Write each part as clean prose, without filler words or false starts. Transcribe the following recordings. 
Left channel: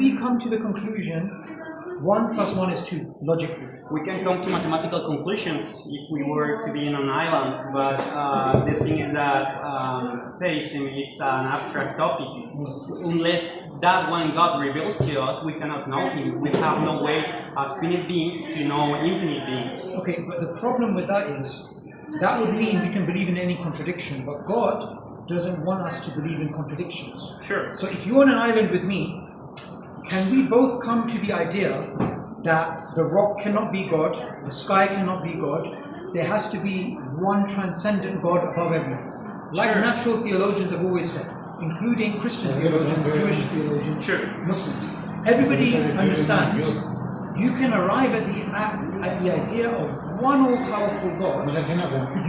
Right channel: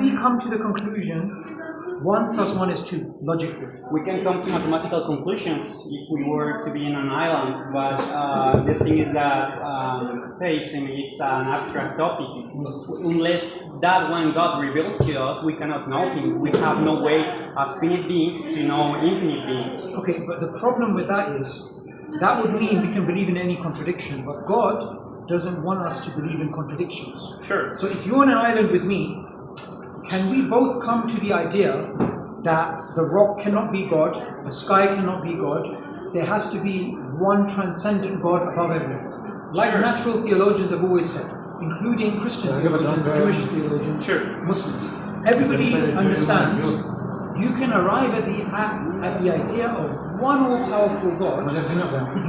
we come to the conclusion 1 + 1 is 2, logically? We can come to mathematical conclusions if we were to be in an island, but the thing is that theism is an abstract topic. Unless that one God reveals to us, we cannot know Him. We have no way as finite beings to know infinite beings. Okay, but the problem with that is, that would mean we can believe in any contradiction, but God doesn't want us to believe in contradictions. Sure. So if you're on an island with me, can we both come to the idea that the rock cannot be God, the sky cannot be God, there has to be one transcendent God above everything? Like Sure. natural theologians have always said, including Christian theologians, Jewish theologians, Sure. Muslims. Everybody understands you can arrive at the idea of one all-powerful God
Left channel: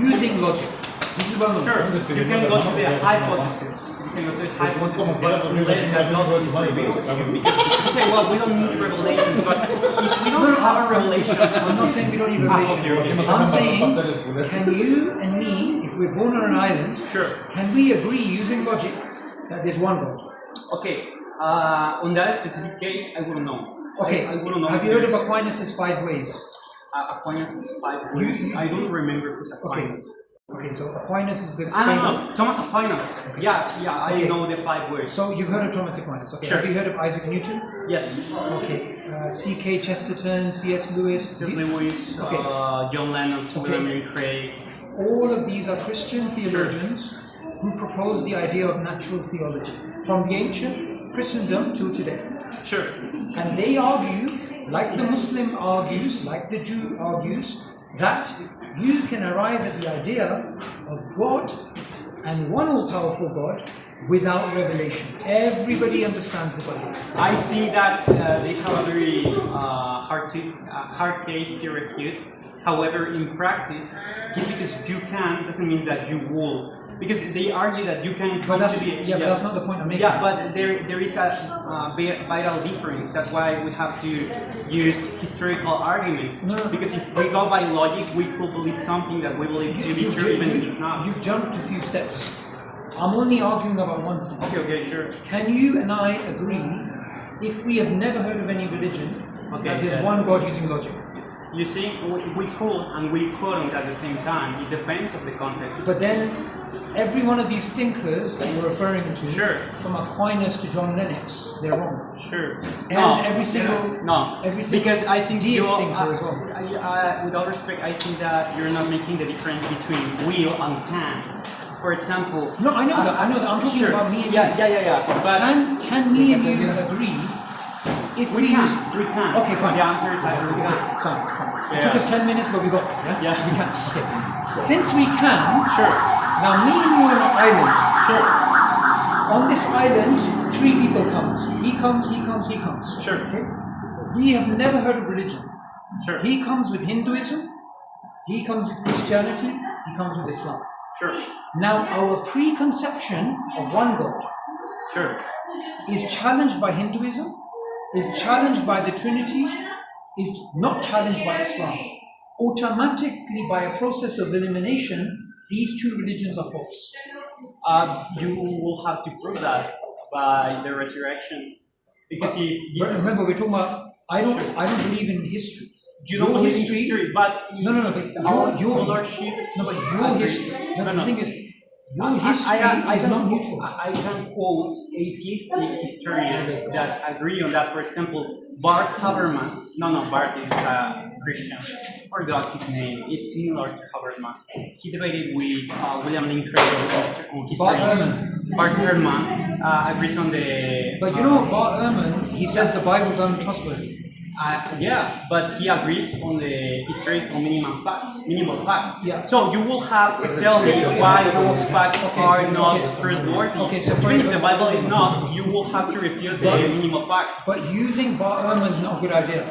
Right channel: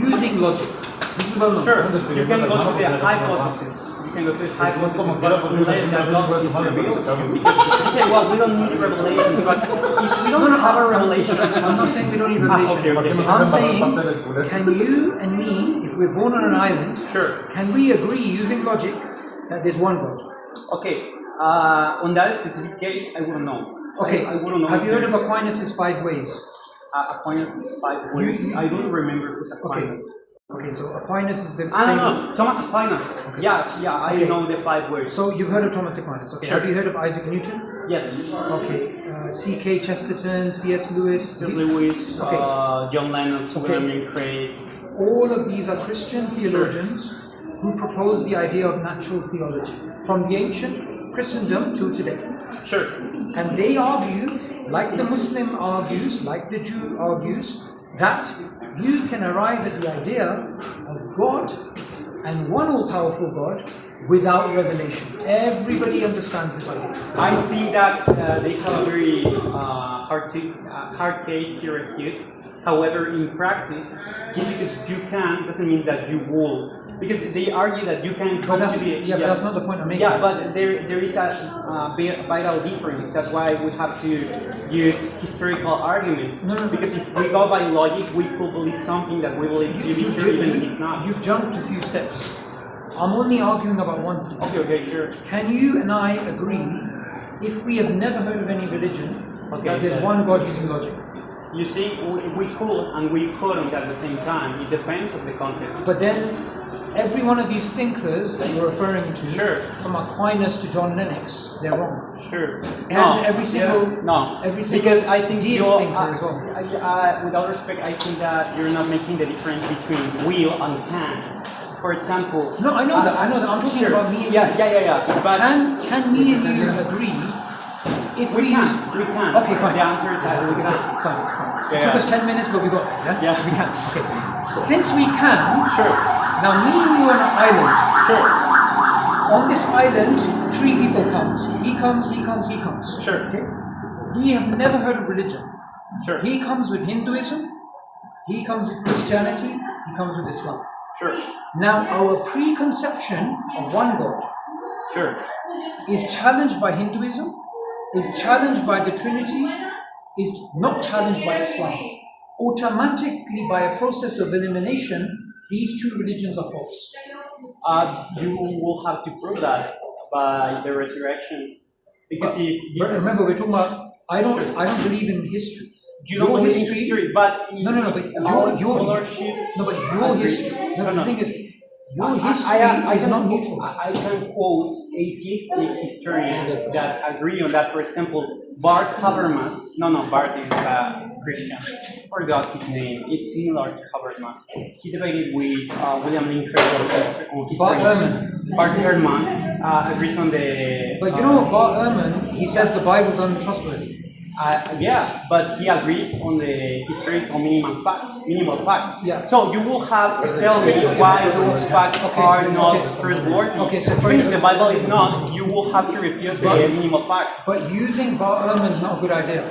using logic. This is well known. Sure. You can go to the hypothesis. You can go to the hypothesis that God is revealed to you. Because you say, well, we don't need revelations, but if we don't have a revelation... I'm not saying we don't need revelation. I'm saying, can you and me, if we're born on an island, Sure. can we agree using logic that there's one God? Okay. On that specific case, I wouldn't know. Okay. I wouldn't know. Have you heard of Aquinas' 5 ways? Aquinas' 5 ways. I don't remember who's Aquinas. Okay, so Aquinas is the No, Thomas Aquinas. Okay. Yes, yeah, I know the 5 words. So you've heard of Thomas Aquinas, okay. Sure. Have you heard of Isaac Newton? Yes. Okay. C.K. Chesterton, C.S. Lewis. C.S. Lewis, Okay. John Lennon, William Craig. All of these are Christian theologians who propose the idea of natural theology from the ancient Christendom till today. Sure. And they argue, like the Muslim argues, like the Jew argues, that you can arrive at the idea of God and one all-powerful God without revelation. Everybody understands this idea. I think that they have a very hard case to refute. However, in practice, just because you can doesn't mean that you will. Because they argue that you can come to the... But that's not the point I'm making. Yeah, but there is a vital difference. That's why we have to use historical arguments. No. Because if we go by logic, we could believe something that we believe to be true, even if it's not. You've jumped a few steps. I'm only arguing about one thing. Okay, sure. Can you and I agree, if we have never heard of any religion, that there's one God using logic? You see, we could and we couldn't at the same time. It depends on the context. But then, every one of these thinkers that you're referring to, from Aquinas to John Lennox, they're wrong. Sure. And every single because I think deist thinker as well. With all respect, I think that you're not making the difference between will and can. For example. No, I know that. I'm talking about me and you. Yeah. But can me and you agree? If we can. Okay, fine. The answer is that we can. Fine. It took us 10 minutes, but we got there. Yeah. We can. Okay. Since we can. Sure. Now, me and you are on an island. Sure. On this island, 3 people comes. He comes. Sure. Okay. We have never heard of religion. Sure. He comes with Hinduism. He comes with Christianity. He comes with Islam. Sure. Now, our preconception of one God is challenged by Hinduism, is challenged by the Trinity, is not challenged by Islam. Automatically, by a process of elimination, these 2 religions are false. You will have to prove that by the resurrection. Because remember, we're talking about. I don't believe in history. You don't believe in history, but your scholarship. No, but your history. No, but the thing is, your history is not neutral. I can quote atheistic historians that agree on that. For example, Bart Habermas. No, Bart is Christian. I forgot his name. It's similar to Habermas. He debated with William Lane Craig on history. Bart Ehrman agrees on the... But you know what, Bart Ehrman, he says the Bible's untrustworthy. Yeah, but he agrees on the historical minimal facts. Yeah. So you will have to tell me why those facts are not trustworthy. Okay, so if the Bible is not, you will have to refute the minimal facts. But using Bart Ehrman is not a good idea.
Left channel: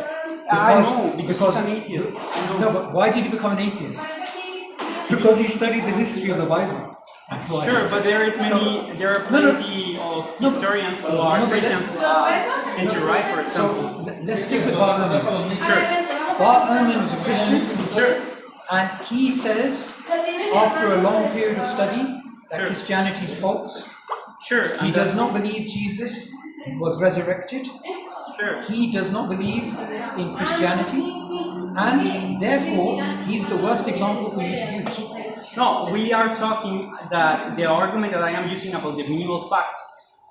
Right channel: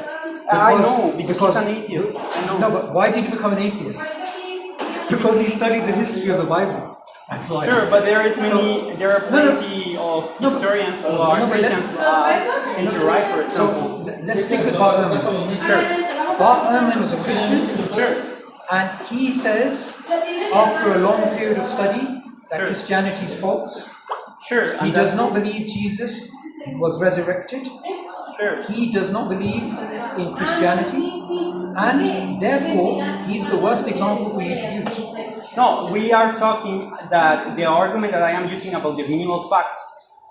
I know, because he's an atheist. No, but why did he become an atheist? Because he studied the history of the Bible. That's why. Sure, but there are plenty of historians who are Christians who are anti-right, for example. So let's stick with Bart Ehrman. Sure. Bart Ehrman was a Christian. Sure. And he says, after a long period of study, that Christianity is false. Sure. He does not believe Jesus was resurrected. Sure. He does not believe in Christianity, and therefore he's the worst example for you to use. No, we are talking that the argument that I am using about the minimal facts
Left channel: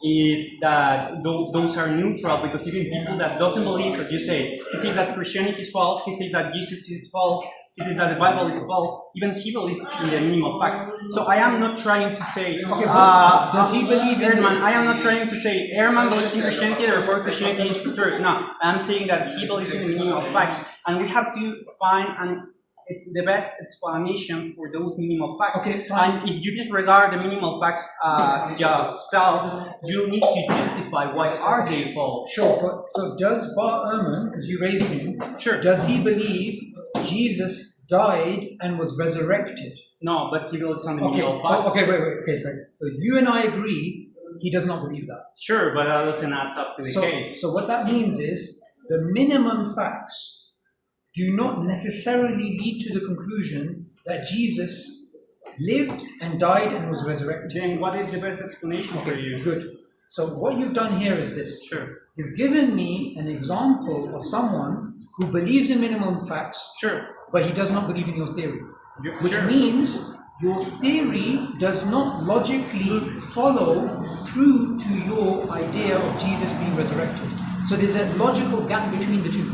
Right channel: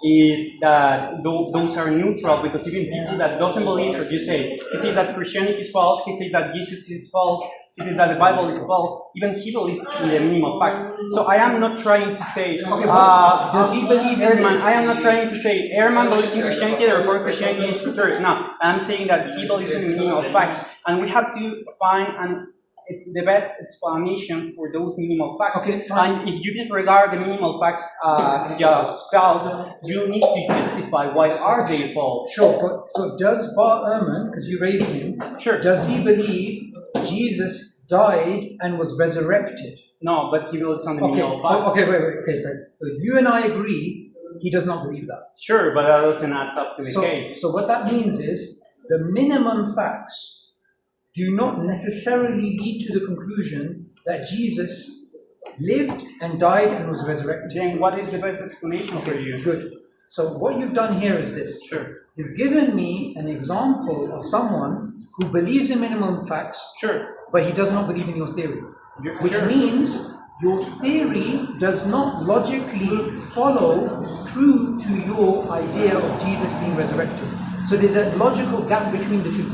is that those are neutral, because even people that doesn't believe what you say, he says that Christianity is false, he says that Jesus is false, he says that the Bible is false, even he believes in the minimal facts. So I am not trying to say, does he believe in Ehrman, I am not trying to say Ehrman believes in Christianity, therefore Christianity is true. No, I am saying that he believes in the minimal facts, and we have to find the best explanation for those minimal facts. Okay, fine. And if you disregard the minimal facts as just false, you need to justify why are they false. Sure. So does Bar Ehrman, because you raised him, Sure. does he believe Jesus died and was resurrected? No, but he believes on the minimal facts. Okay, wait. Okay, so you and I agree he does not believe that. Sure, but that doesn't add up to the case. So what that means is the minimum facts do not necessarily lead to the conclusion that Jesus lived and died and was resurrected. Then what is the best explanation for you? Good. So what you've done here is this. Sure. You've given me an example of someone who believes in minimum facts, Sure. but he does not believe in your theory. Which Sure. means your theory does not logically follow through to your idea of Jesus being resurrected. So there's a logical gap between the two.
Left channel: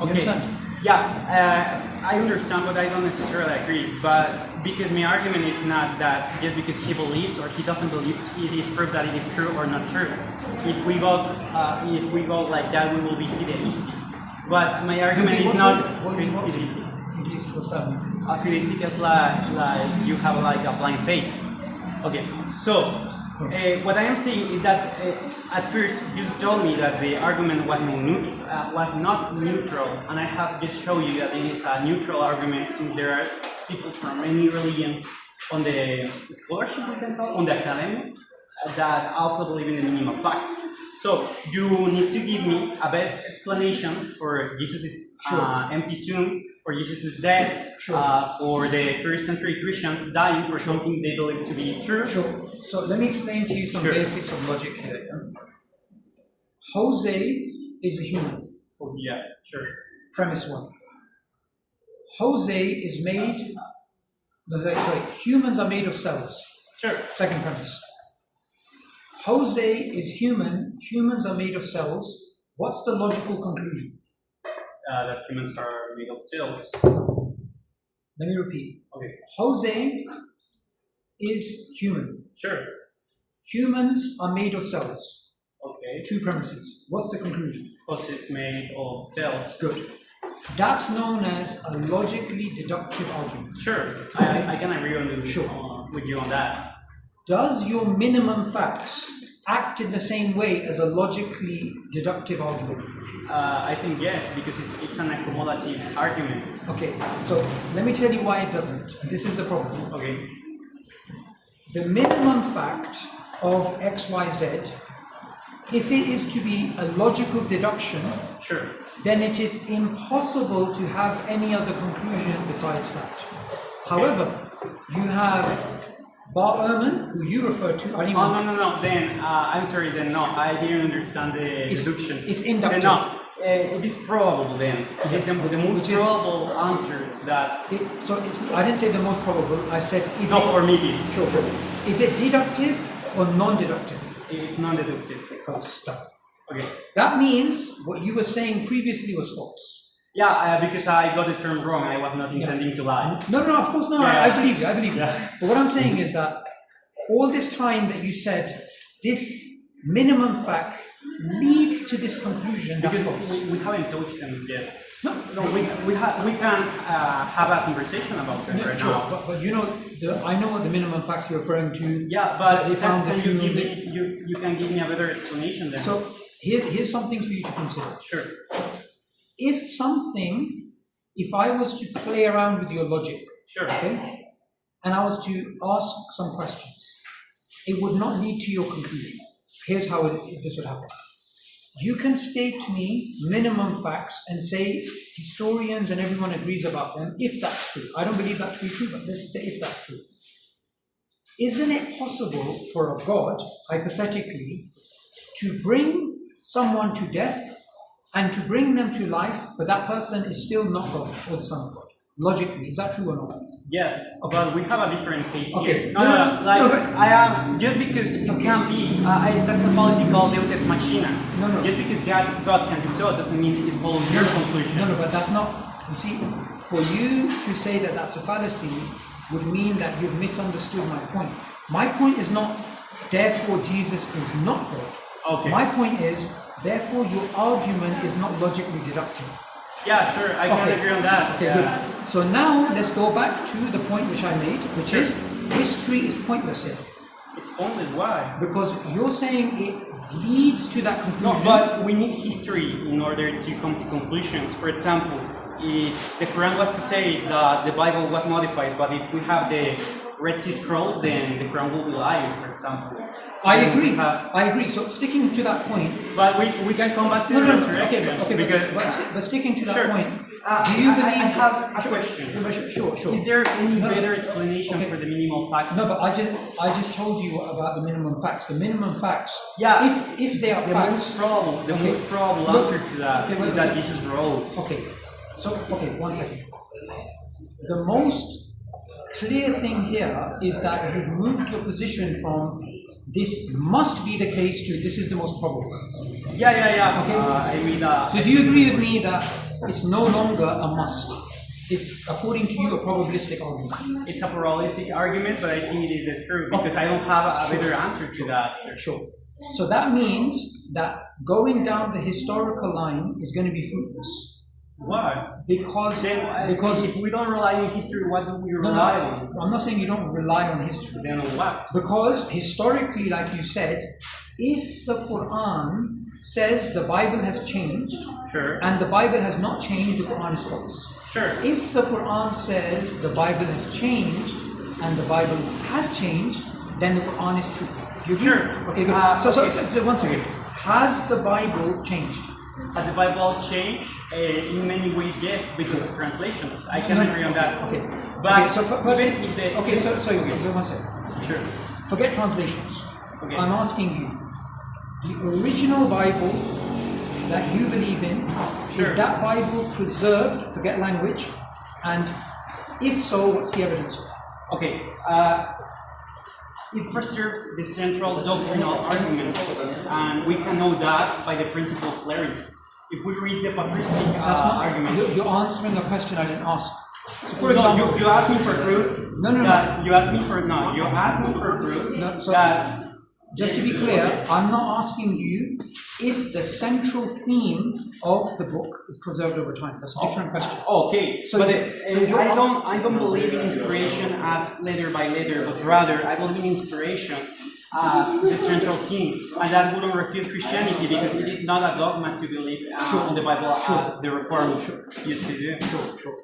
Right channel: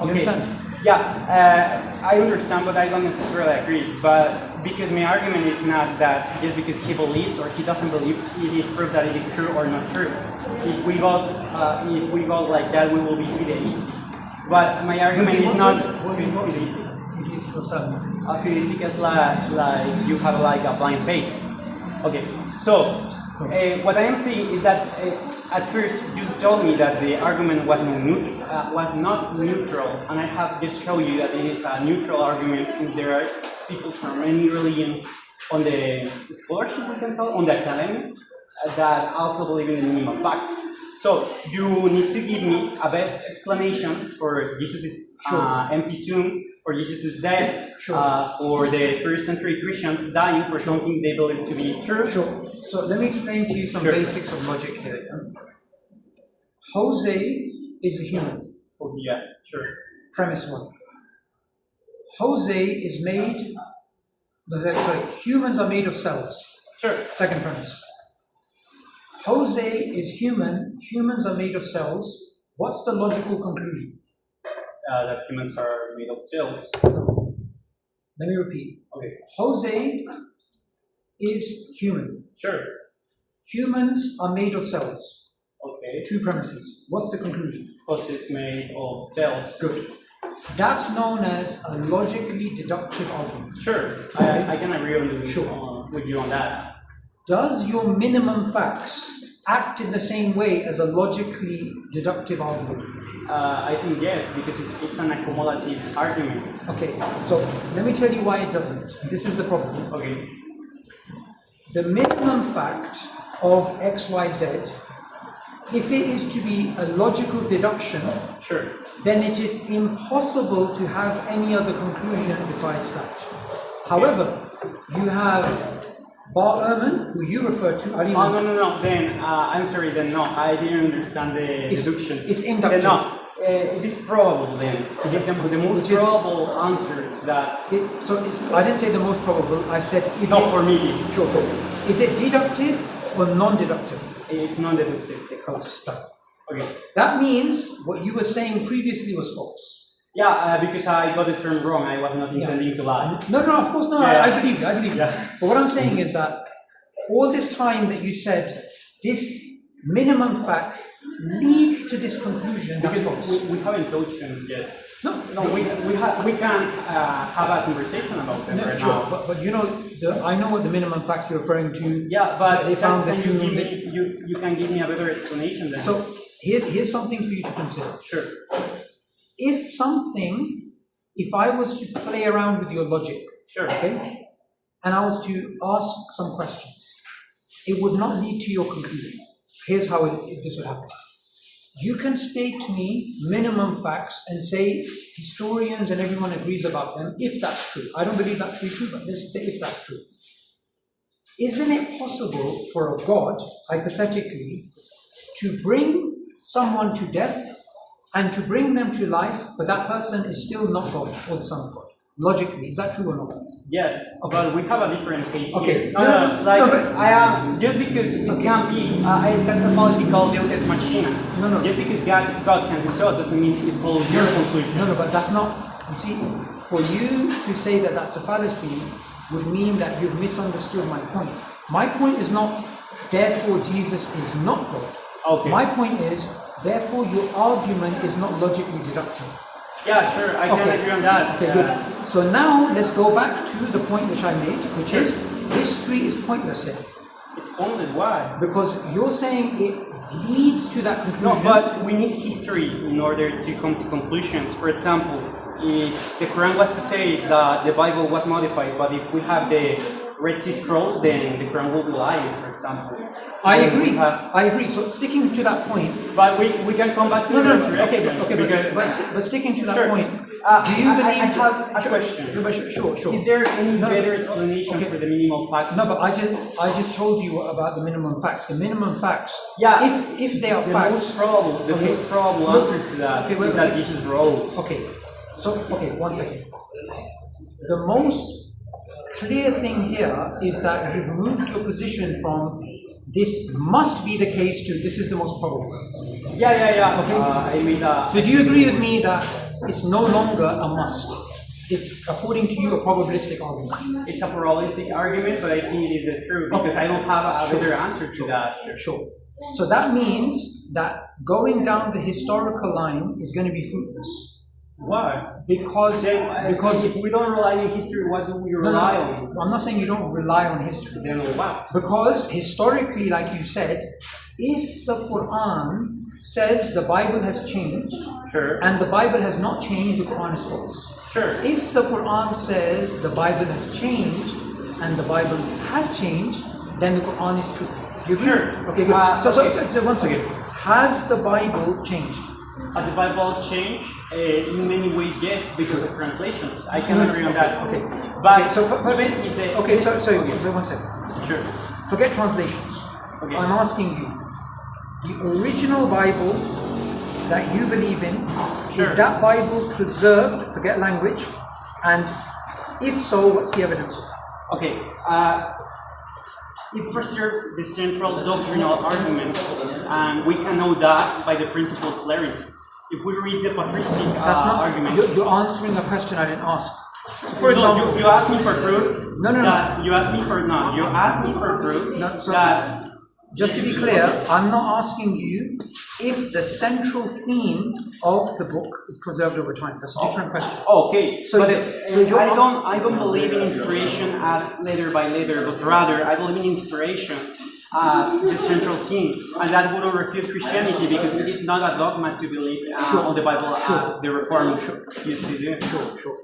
You understand? Yeah, I understand, but I don't necessarily agree. But because my argument is not that just because he believes or he doesn't believe, it is proof that it is true or not true. If we go like that, we will be fideistic. But my argument is not fideistic. Fideistic is like you have like a blind faith. Okay, so what I am saying is that at first you told me that the argument was not neutral, and I have just shown you that it is a neutral argument, since there are people from many religions on the scholarship, we can call, on the academy, that also believe in the minimal facts. So you need to give me a best explanation for Jesus' empty tomb, for Jesus' death, for the first century Christians dying for something they believe to be true. Sure. So let me explain to you some basics of logic here. Jose is a human. Yeah, sure. Premise one. Jose is made, humans are made of cells. Sure. Second premise. Jose is human, humans are made of cells. What's the logical conclusion? That humans are made of cells. Let me repeat. Okay. Jose is human. Sure. Humans are made of cells. Okay. Two premises. What's the conclusion? Jose is made of cells. Good. That's known as a logically deductive argument. Sure. I can agree with you on that. Does your minimum facts act in the same way as a logically deductive argument? I think yes, because it's an accumulative argument. Okay, so let me tell you why it doesn't. And this is the problem. Okay. The minimum fact of XYZ, if it is to be a logical deduction, sure, then it is impossible to have any other conclusion besides that. However, you have Bar Ehrman, who you refer to. No. Then I'm sorry. Then no, I didn't understand the deductions. It's inductive. Then, no, it is probable. Then Yes. the most probable answer to that. I didn't say the most probable. I said is Not it, for me. It is. Sure. Is it deductive or non-deductive? It's non-deductive. Okay. That means what you were saying previously was false. Yeah, because I got the term wrong. I was not intending to lie. No, of course not. Yeah. I believe you. Yeah. But what I'm saying is that all this time that you said this minimum facts leads to this conclusion, that's Because false. we haven't touched them yet. No, we can have a conversation about it right sure. now. But you know, I know what the minimum facts you're referring to. Yeah, but they found that you can give me a better explanation then. So here's some things for you to consider. Sure. If I was to play around with your logic, Sure. Okay, and I was to ask some questions, it would not lead to your conclusion. Here's how this would happen. You can state to me minimum facts and say historians and everyone agrees about them, if that's true. I don't believe that to be true, but let's just say if that's true. Isn't it possible for a God, hypothetically, to bring someone to death and to bring them to life, but that person is still not God or the Son of God. Logically, is that true or not? Yes, but we have a different case Okay. here. I am just because it can be. That's a policy called Deus ex machina. Just because God can do so doesn't mean it follows your conclusion. No, but that's not. You see, for you to say that that's a fallacy would mean that you've misunderstood my point. My point is not, therefore Jesus is not God. Okay. My point is, therefore your argument is not logically deductive. Yeah, sure, I can agree on that. Okay, good. So now let's go back to the point which I made, which is history is pointless here. It's pointless, why? Because you're saying it leads to that conclusion. No, but we need history in order to come to conclusions. For example, if the Quran was to say that the Bible was modified, but if we have the Red Sea Scrolls, then the Quran will be lying, for example. I agree. So sticking to that point, but we can come back to the resurrection. Okay, but sticking to that point, do you believe? I have a question. Sure. Is there any better explanation for the minimum facts? No, but I just told you about the minimum facts. The minimum facts. Yeah. If they are facts. The most probable answer to that is that Jesus rose. Okay. So one second. The most clear thing here is that you've moved your position from this must be the case to this is the most probable. Yeah. Okay. I agree that. So do you agree with me that it's no longer a must? It's, according to you, a probabilistic argument. It's a probabilistic argument, but I think it is true because I don't have a better answer to that. Sure. So that means that going down the historical line is going to be fruitless. Why? Because if we don't rely on history, what do we rely on? I'm not saying you don't rely on history. Then what? Because historically, like you said, if the Quran says the Bible has changed, and the Bible has not changed, the Quran is false. Sure. If the Quran says the Bible has changed and the Bible has changed, then the Quran is true. You agree? Sure. Okay, good. So once again, has the Bible changed? Has the Bible changed? In many ways, yes, because of translations. I can agree on that. Okay. But so first, sorry, one second. Sure. Forget translations. Okay. I'm asking you, the original Bible that you believe in, is that Bible preserved? Forget language. And if so, what's the evidence? Okay. It preserves the central doctrinal arguments, and we can know that by the principle of Clarice. If we read the patristic arguments... You're answering a question I didn't ask. So for example... You asked me for proof. No. You asked me for proof that... Just to be clear, I'm not asking you if the central theme of the book is preserved over time. That's a different question. Okay. I don't believe in inspiration as letter by letter, but rather I believe in inspiration as the central theme. And that wouldn't refute Christianity because it is not a dogma to believe on the Bible as the Reformers used to do. Sure.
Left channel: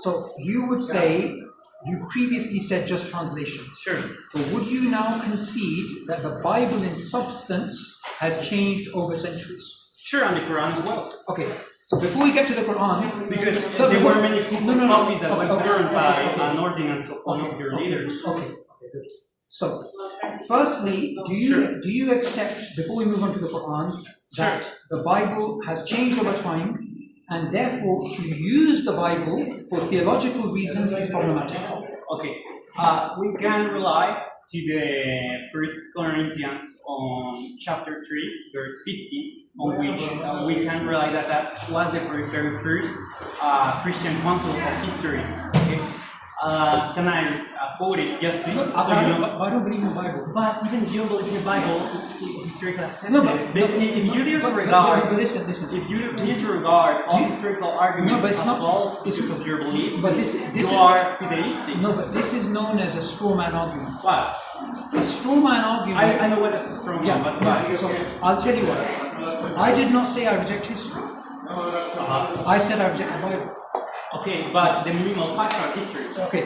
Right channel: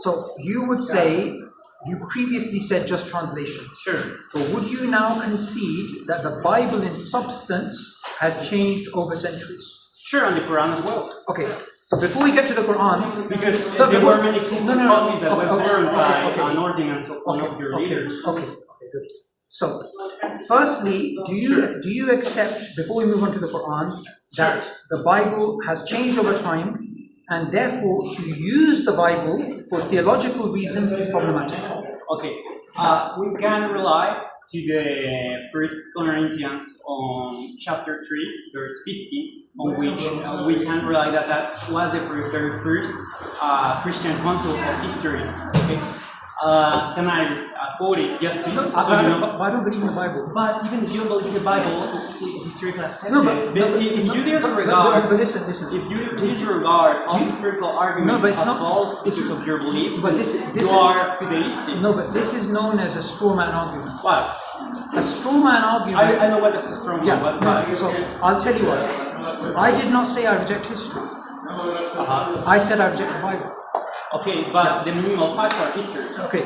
So you would say, you previously said just translations. Sure. But would you now concede that the Bible in substance has changed over centuries? Sure, and the Quran as well. Okay. So before we get to the Quran, because there were many copies that were burned by an ordinance of one of your leaders. Okay, good. So, firstly, do you accept, before we move on to the Quran, that the Bible has changed over time, and therefore to use the Bible for theological reasons is problematic? Okay, we can rely to the 1 Corinthians on chapter 3, verse 50, on which we can rely that was the very first Christian council of history. Okay. Can I quote it just to you? I don't believe in the Bible. But even if you don't believe in the Bible, it's historically accepted. If you disregard all historical arguments as false because of your beliefs, you are fideistic. No, but this is known as a straw man argument. What? A straw man argument. I know what is a straw man. Yeah, so I'll tell you what. I did not say I reject history. I said I reject the Bible. Okay, but the minimal facts are history. Okay,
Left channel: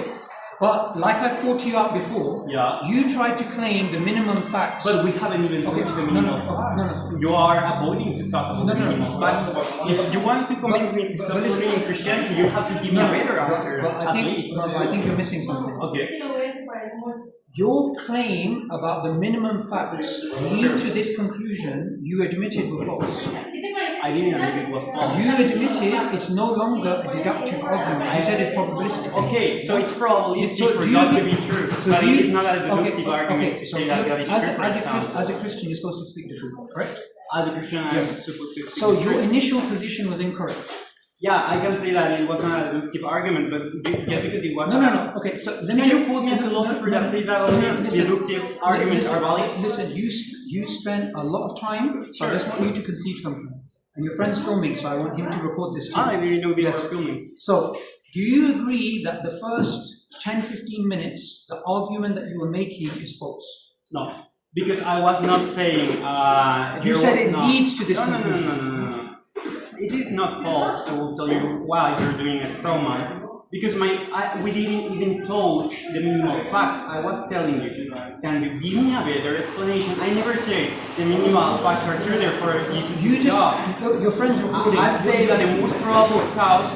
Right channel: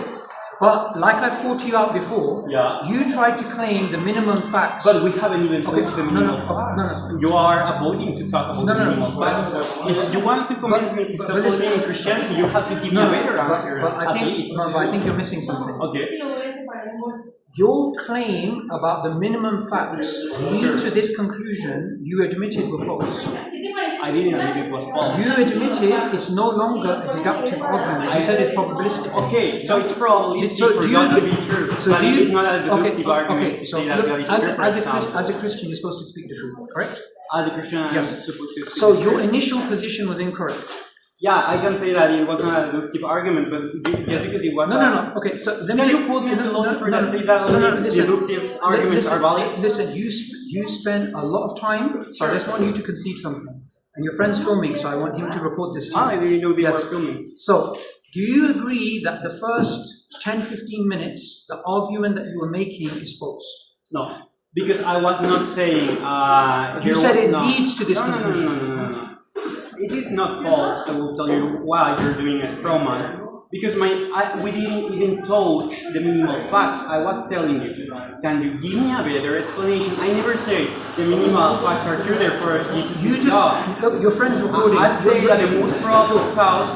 but like I called you out before, you tried to claim the minimum facts. But we haven't even talked to the minimum facts. No. You are avoiding to talk about the minimum facts. If you want to convince me to stop believing in Christianity, you have to give me a better answer. But I think you're missing something. Okay. Your claim about the minimum facts lead to this conclusion you admitted were false. I I didn't admit it was false. You admitted it's no longer a deductive argument. You said it's probabilistic. Okay, so it's probabilistic So for do God you- to be true, so but do it you- is not a deductive argument okay, to so say that look, God is true, for example. as a Christian, you're supposed to speak the truth, correct? As a Christian, I'm Yes. supposed to speak So the your truth. initial position was incorrect. Yeah, I can say that it was not a deductive argument, but just because it was No. Okay, so let me. Can you quote me a philosopher that says that deductive arguments are valid? Listen, you spend a lot of time, so I just want you to concede something. And your friend's filming, so I want him to record this too. I didn't know they Yes. were filming. So, do you agree that the first 10-15 minutes, the argument that you were making is false? No, because I was not saying. You said it leads to this no, conclusion. No. It is not false. I will tell you why you're doing a straw man. Because we didn't even touch the minimal facts. I was telling you, can you give me a better explanation? I never say the minimal facts are true, therefore Jesus You is just, God. look, your friend's recording. I say that the most probable cause.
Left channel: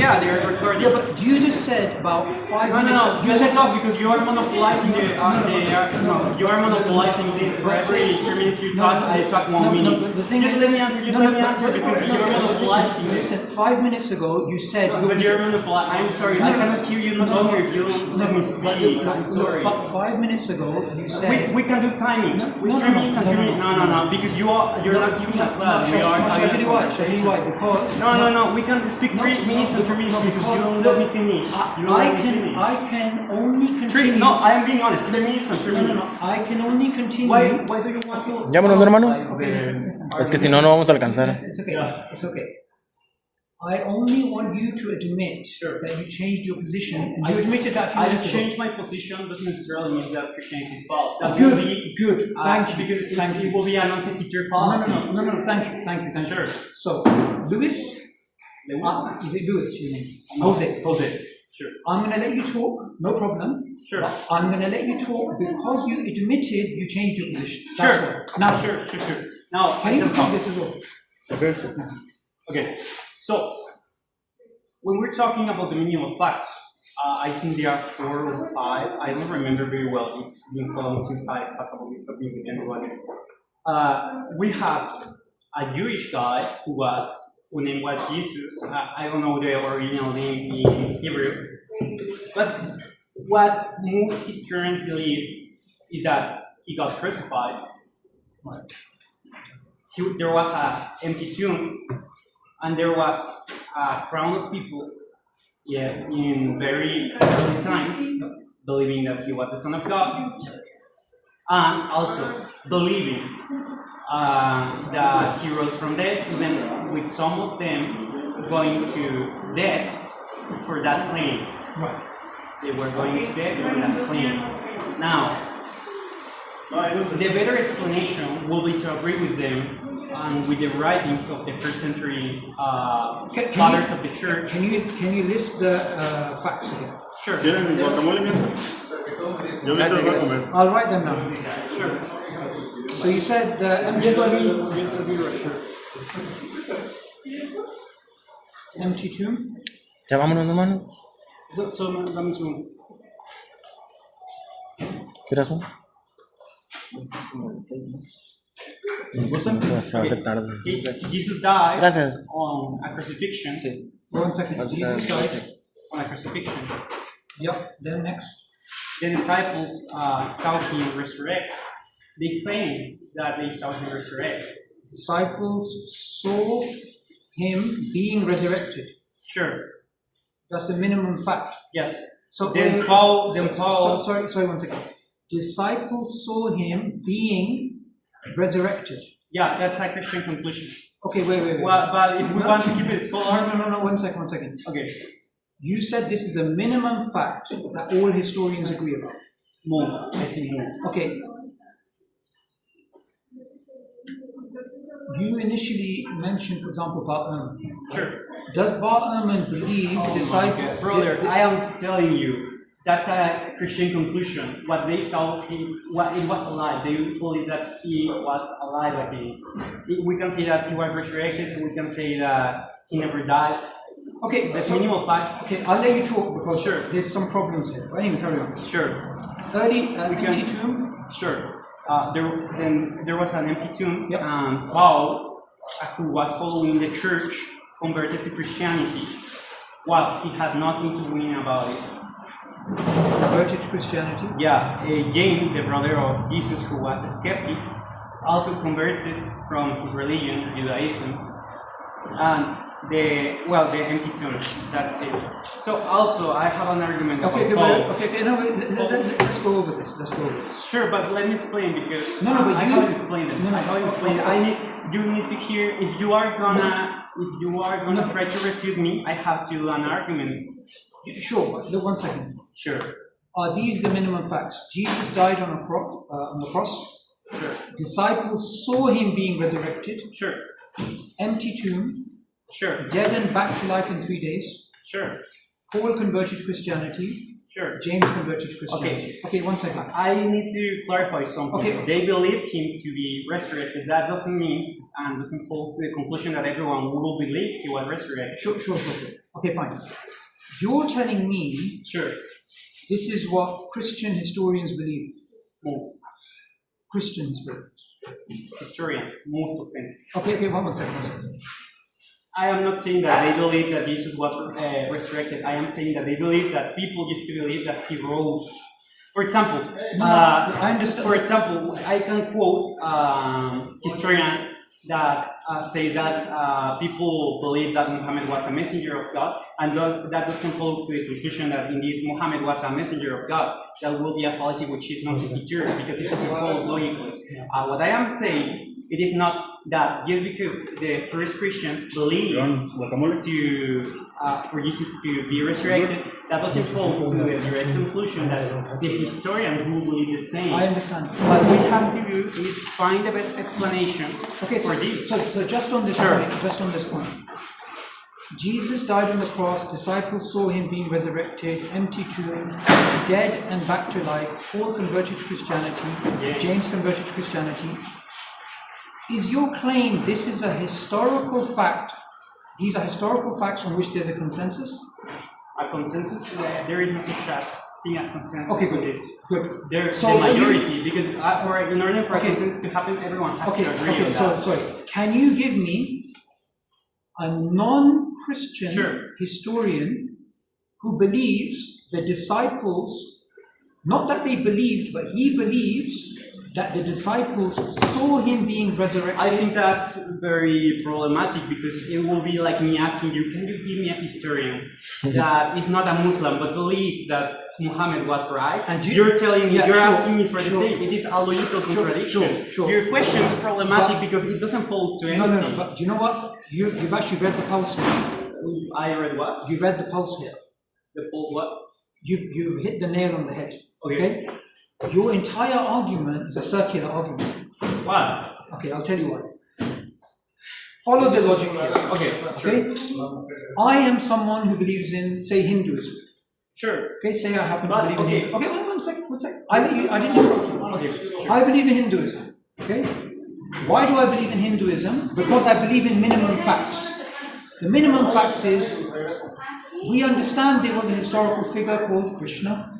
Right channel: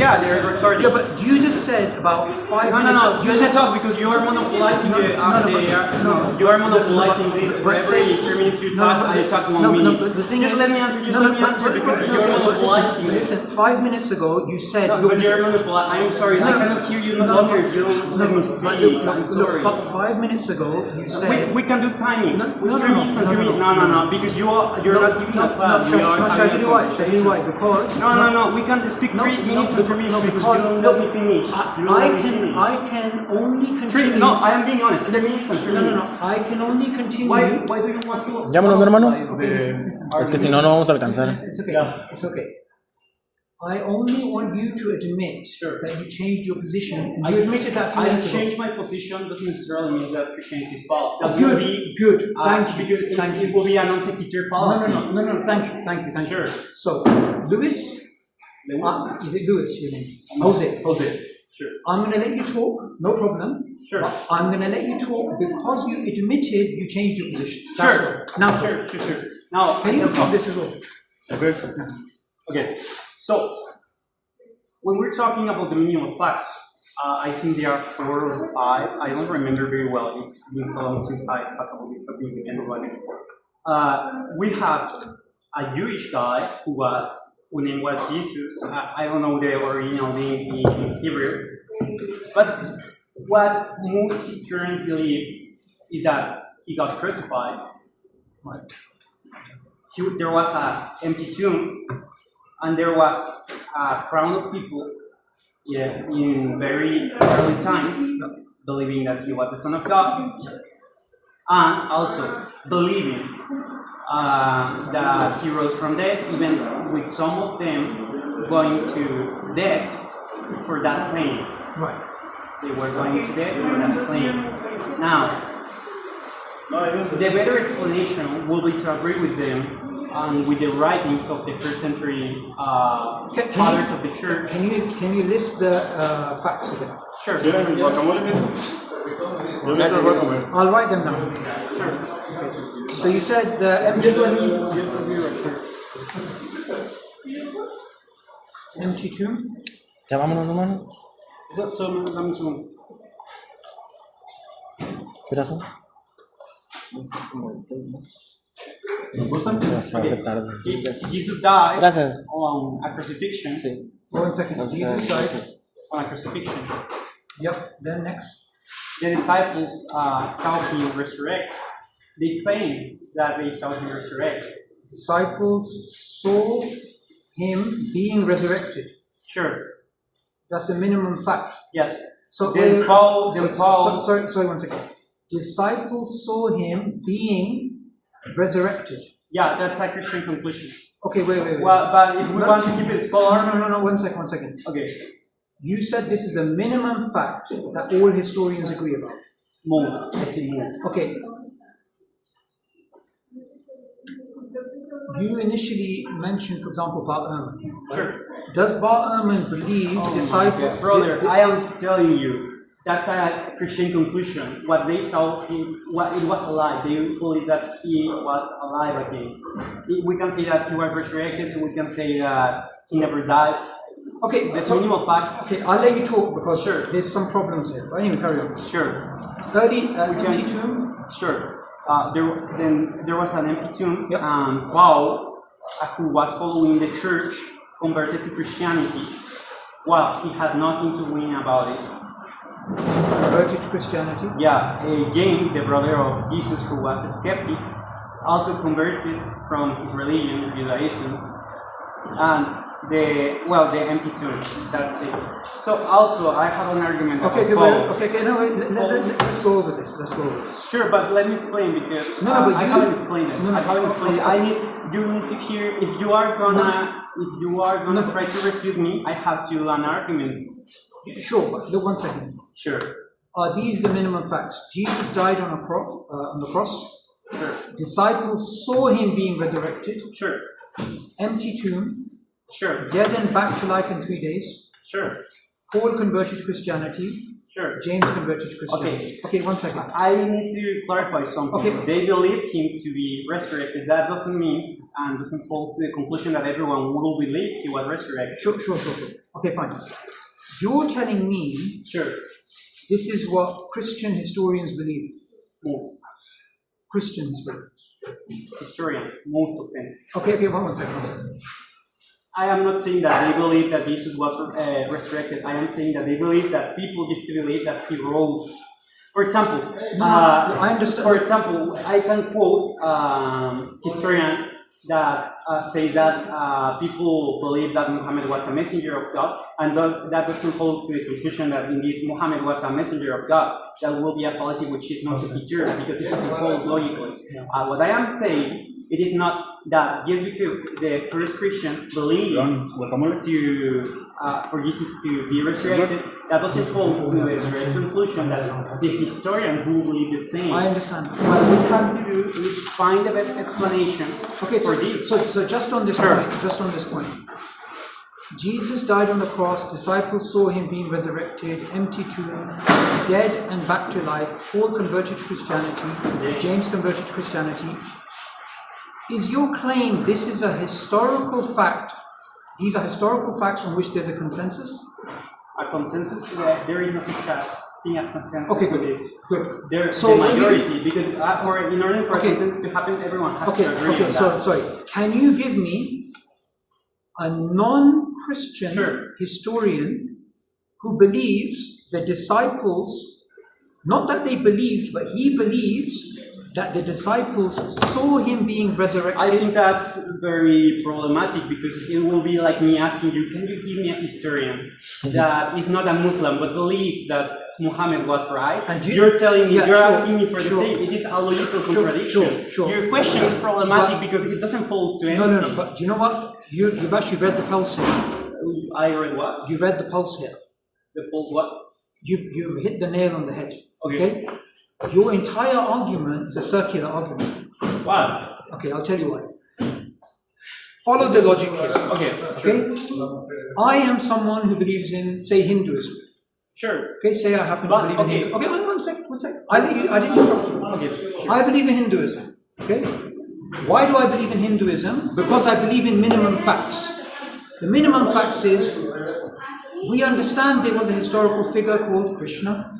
Yeah, they're recording. Yeah, but you just said about 5 minutes. No. You said talk because you are monopolizing you are monopolizing things. For every 3 minutes you talk, I talk 1 minute. No, but the thing is, let me answer. Just let me answer because you're monopolizing. Listen, 5 minutes ago you said. But you're monopolizing. I'm sorry, I cannot hear you no longer. You don't let me speak. I'm sorry. 5 minutes ago you said. We can do timing. No, Because you're not giving a class. Shall I tell you why? Because. No. We can speak 3 minutes and 3 minutes because you don't let me finish. I can only continue. No, I am being honest. 3 minutes and 3 minutes. I can only continue. Why do you want to? Llámanos, hermano. Okay, listen. Es que si no, no vamos a alcanzar. It's okay. It's okay. I only want you to admit that you changed your position. And you admitted that few I minutes ago. changed my position doesn't necessarily mean that Christianity is false. That Good, will be, good. Thank you. Because Thank it you. will be a non-sequitur fallacy. No. Thank you. Sure. So, Luis, is it Luis your name? Jose. Sure. I'm going to let you talk, no problem. Sure. But I'm going to let you talk because you admitted you changed your position. That's Sure. right. Now, Sure. Now, can you repeat this as well? Okay. So, when we're talking about the meaning of facts, I think there are 4 or 5. I don't remember very well. It's been so long since I talked about this topic with everybody. We have a Jewish guy whose name was Jesus. I don't know the original name in Hebrew. But what most historians believe is that he got crucified. There was an empty tomb, and there was a crowd of people in very early times believing that he was the Son of God, and also believing that he rose from death, even with some of them going to death for that claim. Right. They were going to death for that claim. Now, the better explanation will be to agree with them and with the writings of the first century fathers of the church. Can you list the facts again? Sure. I'll write them down. Sure. So you said empty. Just let me write. Sure. Empty tomb. Ya vámonos, hermano. So, dame un segundo. ¿Qué hora son? Se va a hacer tarde. Jesus died Gracias. on a crucifixion. One second. Jesus died. On a crucifixion. Yep. Then next. The disciples saw him resurrect. They claim that they saw him resurrect. Disciples saw him being resurrected. Sure. That's the minimum fact. Yes. So Then wait, Paul. Sorry, 1 second. Disciples saw him being resurrected. Yeah, that's a Christian conclusion. Okay, wait. Well, but if we want to keep it scholar. No. 1 second. Okay. You said this is a minimum fact that all historians agree about. Most. I see most. Okay. You initially mentioned, for example, Bart Ehrman. Sure. Does Bart Ehrman believe disciples? Brother, I am telling you, that's a Christian conclusion. What they saw, it was alive. They believe that he was alive again. We can say that he was resurrected. We can say that he never died. Okay, That's minimal fact. Okay, I'll let you talk because there's some problems here. But anyway, carry on. Sure. Empty tomb. Sure. There was an empty tomb, Yep. and Paul who was following the church converted to Christianity. Well, he had nothing to win about it. Converted to Christianity? Yeah, James, the brother of Jesus, who was a skeptic, also converted from his religion, Judaism, and the empty tomb. That's it. So also, I have an argument. Okay, let's go over this. Sure, but let me explain because but I you haven't explained it. No, I haven't explained it. You need to hear. If you are gonna try to refute me, I have to do an argument. Sure, but look 1 second. Sure. Are these the minimum facts? Jesus died on the cross. Sure. Disciples saw him being resurrected. Sure. Empty tomb. Sure. Dead and back to life in 3 days. Sure. Paul converted to Christianity. Sure. James converted to Christianity. Okay, 1 second. I need to clarify something. Okay. They believe him to be resurrected. That doesn't mean and doesn't fall to the conclusion that everyone will believe he was resurrected. Sure. Okay, fine. You're telling me sure. This is what Christian historians believe. Most. Christians believe. Historians, most of them. Okay, one second. I am not saying that they believe that Jesus was resurrected. I am saying that they believe that people used to believe that he rose. For example, I understand. For example, I can quote historian that says that people believe that Muhammad was a messenger of God, and that doesn't hold to the conclusion that indeed Muhammad was a messenger of God. That will be a policy which is not secure because it doesn't follow logically. What I am saying, it is not that just because the first Christians believed for Jesus to be resurrected, that doesn't fall to the direct conclusion that the historians will believe the same. I understand. What we have to do is find the best explanation for this. So just on this point, Jesus died on the cross, disciples saw him being resurrected, empty tomb, dead and back to life, Paul converted to Christianity, James converted to Christianity. Is your claim this is a historical fact? These are historical facts on which there's a consensus? A consensus? There is no such thing as consensus. Okay, with this. Good. There's the majority, because in order for a consensus to happen, everyone has to agree on that. Sorry. Can you give me a non-Christian historian who believes the disciples, not that they believed, but he believes that the disciples saw him being resurrected? I think that's very problematic because it will be like me asking you, can you give me a historian that is not a Muslim but believes that Muhammad was right? And you're telling me, asking me for the same. It is a logical contradiction. Your question is problematic because it doesn't fall to anything. No, but do you know what? You've actually read the pulse here. I read what? You read the pulse here. The pulse what? You've hit the nail on the head. Okay? Your entire argument is a circular argument. Why? Okay, I'll tell you why. Follow the logic here. Okay? I am someone who believes in, say, Hinduism. Sure. Okay, say I happen to believe in Hinduism. Okay, one sec. I didn't interrupt you. Okay. I believe in Hinduism. Okay? Why do I believe in Hinduism? Because I believe in minimum facts. The minimum facts is, we understand there was a historical figure called Krishna.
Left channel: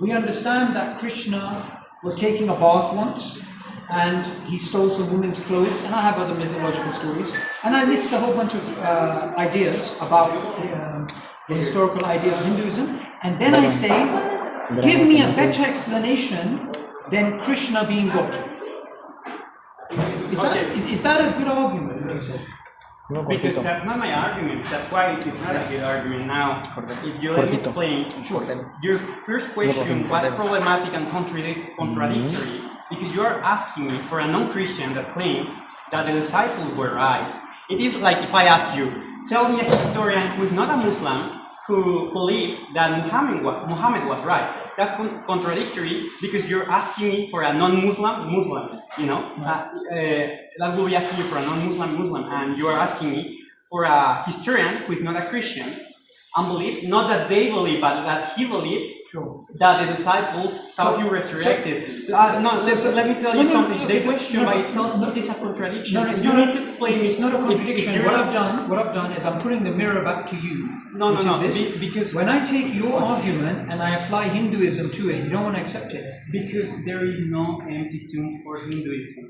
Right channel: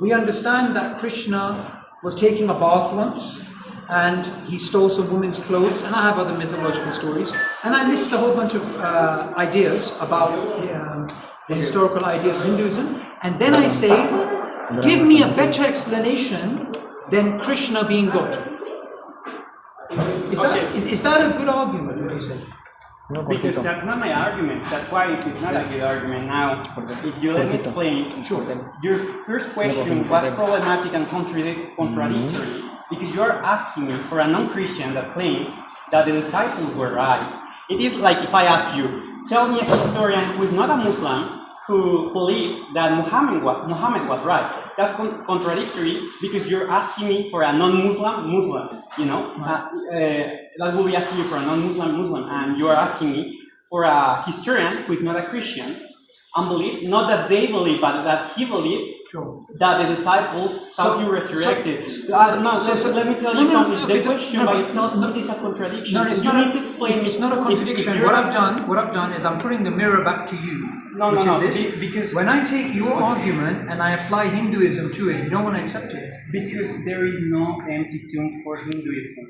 We understand that Krishna was taking a bath once and he stole some women's clothes, and I have other mythological stories. And I list a whole bunch of ideas about the historical ideas of Hinduism. And then I say, give me a better explanation than Krishna being God. Is that a good argument, would you say? Because that's not my argument. That's why it is not a good argument. Now, if you let me explain, your first question was problematic and contradictory because you are asking me for a non-Christian that claims that the disciples were right. It is like if I ask you, tell me a historian who is not a Muslim who believes that Muhammad was right. That's contradictory because you're asking me for a non-Muslim, you know? That will be asking you for a non-Muslim, and you are asking me for a historian who is not a Christian and believes, not that they believe, but that he believes that the disciples saw you resurrected. Let me tell you something. The question by itself is a contradiction. No, it's you not. Need to explain. It's not a contradiction. What I've done is I'm putting the mirror back to you. No. Because when I take your argument and I apply Hinduism to it, you don't want to accept it. Because there is no empty tomb for Hinduism.